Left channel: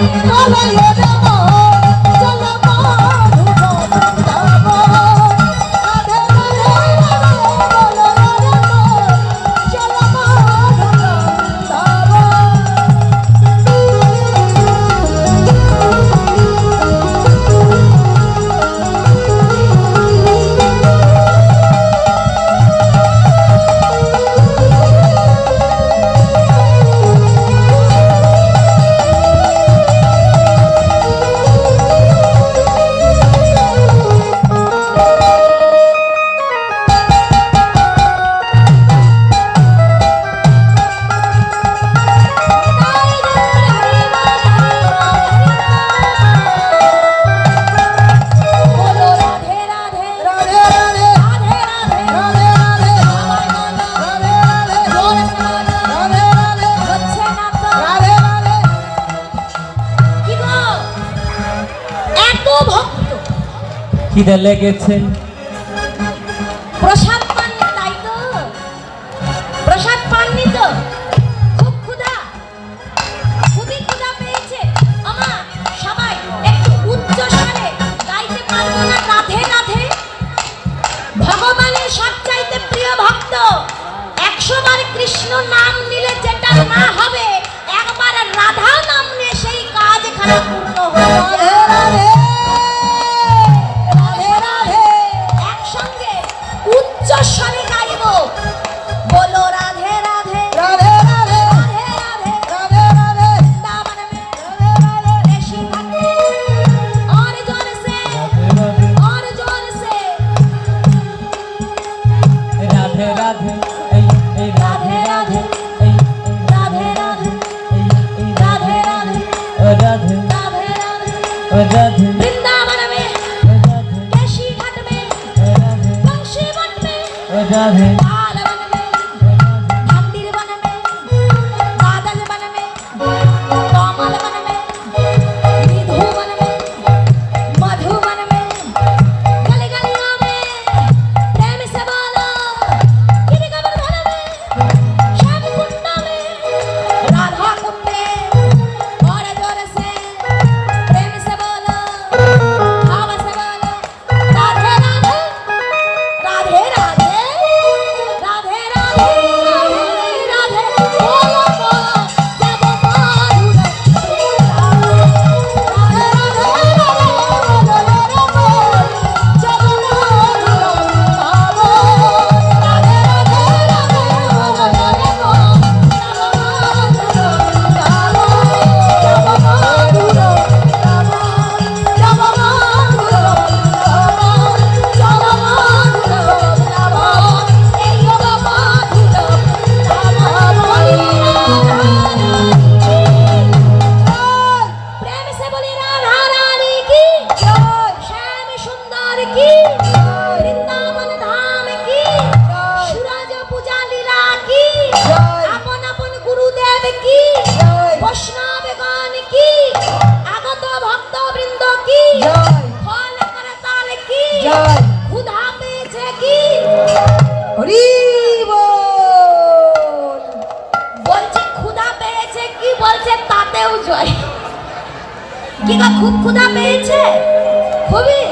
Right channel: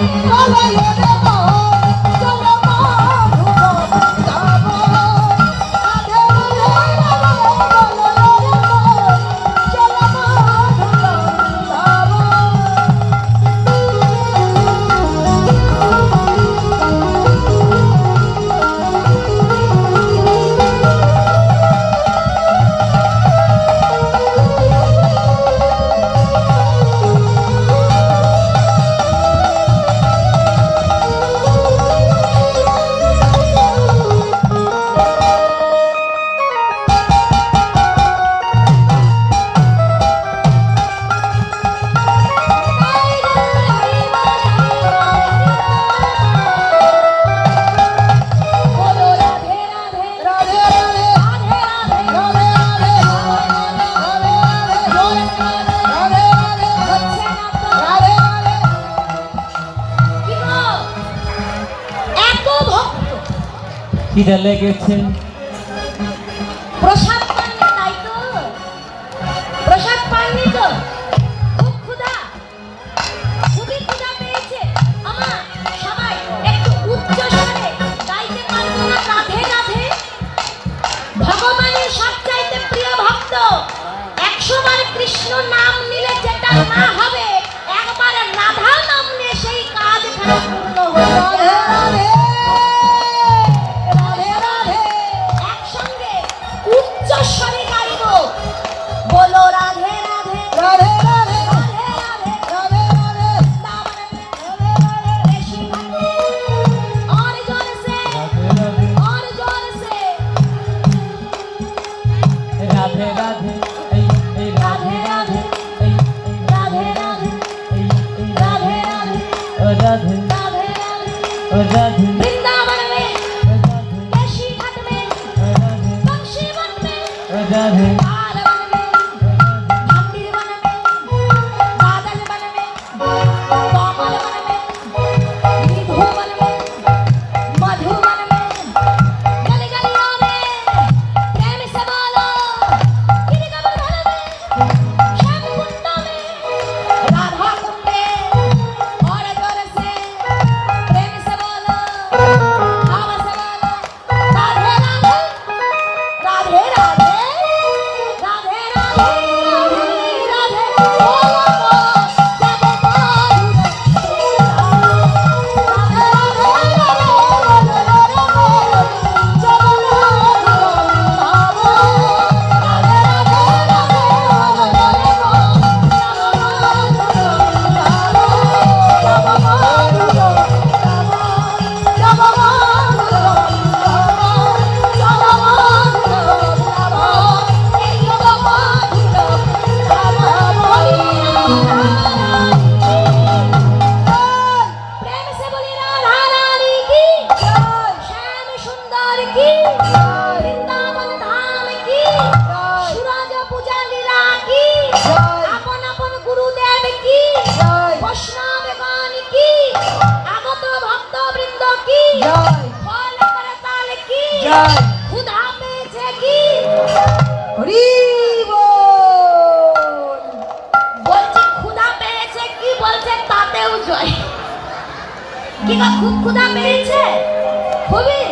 Oh, খিদে লেগেছে? প্রসাদ পাননি, তাই তো। প্রসাদ পাননি তো। খুব ক্ষুধা। খুবই ক্ষুধা পেয়েছে। আমা, সবাই একটু উচ্চ স্বরে গাইতে পারব না, রাধে রাধে। ভগবানের সবচাইতে প্রিয় ভক্ত। কৃষ্ণ নাম নিলে যেটা না হবে উচ্চস্বরে গাইব বলো রাধে রাধে রাধে রাধে রাধে রাধে রাধে আর জোরে সে আর জোরে সে রাধে রাধে এই এই রাধে রাধে এই রাধে রাধে এই রাধে রাধে রাধে রাধে রাধে 미안해 বৈষ্ণব গান কি? আগত ভক্ত বৃন্দ কি ফল করে তাল কি? ক্ষুধা পেয়েছে কি? বলছে ক্ষুধা পেয়েছে কি? বলছে তাতেও জয়। কি গো খুব ক্ষুধা পেয়েছে? খুবই?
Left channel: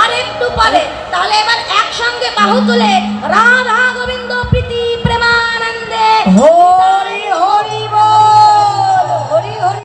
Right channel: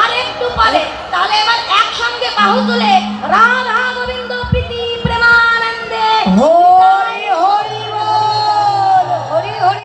আর একটু পরে। তাহলে এবার একসঙ্গে বাহু তুলে রাধা